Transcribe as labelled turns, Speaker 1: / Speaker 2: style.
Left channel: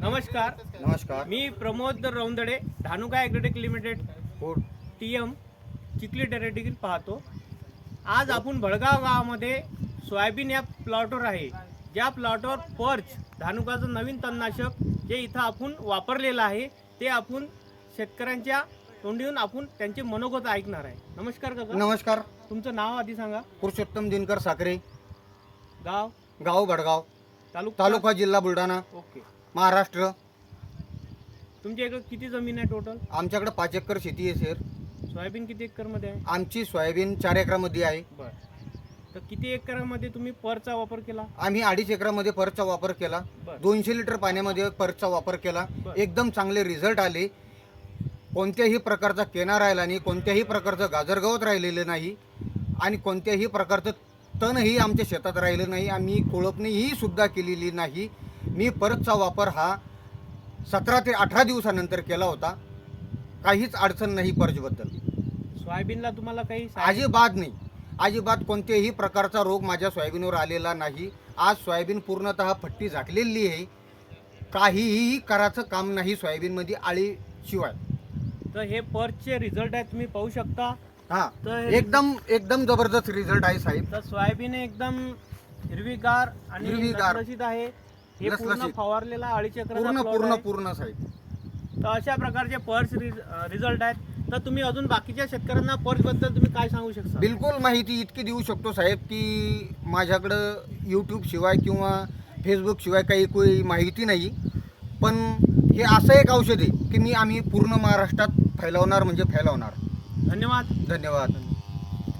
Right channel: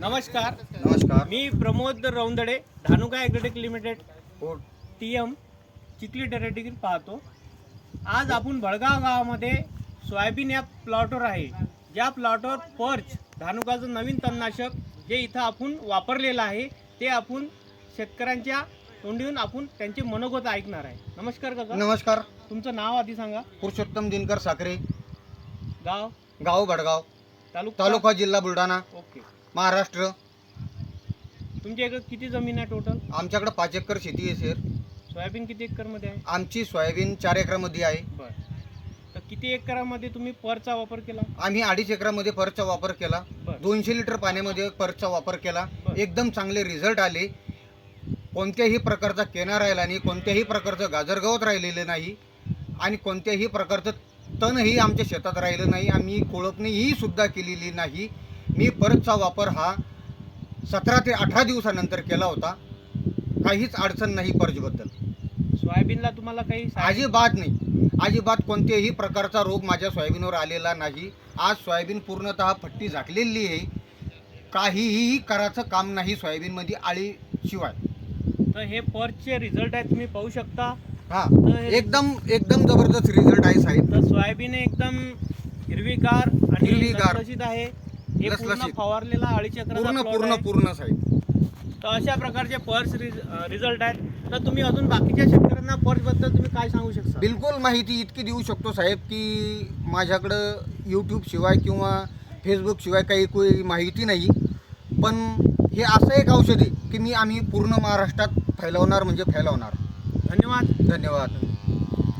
Speaker 1: नमस्कार.
Speaker 2: नमस्कार.
Speaker 1: मी प्रमोद रौंदडे धानुका ॲग्रोटेक लिमिटेड.
Speaker 2: हो.
Speaker 1: टी एम चिखली टेरेटिकील पाहतो. आज आपण भडगाव गावामध्ये सोयाबीन या प्लॉटवर आहे. ज्या प्लॉटवर पर्च धानुकाचं नवीन तणनाशक जे इथं आपण वापरलेलं आहे ते आपण शेतकऱ्यांच्या तोंडीहून आपण त्यांचे मनोगत ऐकणार आहे. नमस्कार काका.
Speaker 2: नमस्कार.
Speaker 1: तुमचं नाव आधी सांगा.
Speaker 2: पुरुषोत्तम दिनकर साखरे
Speaker 1: गाव?
Speaker 2: गाव भडगाव.
Speaker 1: तालुका?
Speaker 2: तालुका जिल्हा बुलढाणा.
Speaker 1: ओके.
Speaker 2: महाराष्ट्र.
Speaker 1: तुमच्या इकडे किती जमीन आहे टोटल
Speaker 2: आमच्याकडे पाच एकर शेती आहे सर
Speaker 1: सोयाबीन किती एकरमध्ये आहे?
Speaker 2: आमची सोयाबीन चार एकरामध्ये आहे.
Speaker 1: बर. तर किती एकरामध्ये तुम्ही परचा वापर केला?
Speaker 2: आम्ही अडीच एकरामध्ये परचा वापर केला.
Speaker 1: बर.
Speaker 2: दोनशे लिटर पाण्यामध्ये परचा वापर केला.
Speaker 1: बर.
Speaker 2: एकदम चांगले रिझल्ट आले. कोणत्याही प्रकारचा केना राहिला नाही कोणत्याही प्रकारचं गाजरगवत राहिलेलं नाही आणि कोणत्याही प्रकारचं तणही आमच्या शेतात राहिलं नाही आम्ही कोळपणीही सुद्धा केलेली नाही. मी परतचा वापर हा सतरा ते अठरा दिवसानंतर केला होता. काहीच अडचण नाही पर्जबद्दल.
Speaker 1: सोयाबीनला तुम्हाला काही
Speaker 2: अजिबात नाही. अजिबात कोणत्याही प्रकारचा रोग माझ्या सोयाबीनवर आलेला नाही. आज सोयाबीन पूर्णतः फट्टी झाकलेली आहे. काहीही करायचं काम नाही सोयाबीनमध्ये आळीशिवाय
Speaker 1: तर हे पर्चचे रिझल्ट आहे तुम्ही पाहू शकता.
Speaker 2: हा. एकदम एकदम जबरदस्त रिझल्ट आहे साहेब.
Speaker 1: तर सोयाबीन एकदम हिरवीगार आणि
Speaker 2: हिरवीगार.
Speaker 1: आहे. हे पूर्ण
Speaker 2: लसलशीत.
Speaker 1: फवारलेला
Speaker 2: पूर्ण पूर्ण. पूर्ण साहेब.
Speaker 1: तर अशा प्रकारचे पर्स रिझल्ट आहेत. तर तुम्ही अजून बाकीच्या शेतकऱ्यांना पर्सबद्दल तुम्ही काय सांगू शकता?
Speaker 2: बिलकुल माहिती इतकी देऊ शकतो साहेब की माझ्याकडं यूट्यूब शिवाय किंवा फेसबुक शिवाय काही काही माहिती नाही. पण हे असं एक औषध आहे की मी आम्ही पूर्ण महाराष्ट्रात फैलावणार म्हणजे फैलावणार.
Speaker 1: धन्यवाद.
Speaker 2: धन्यवाद.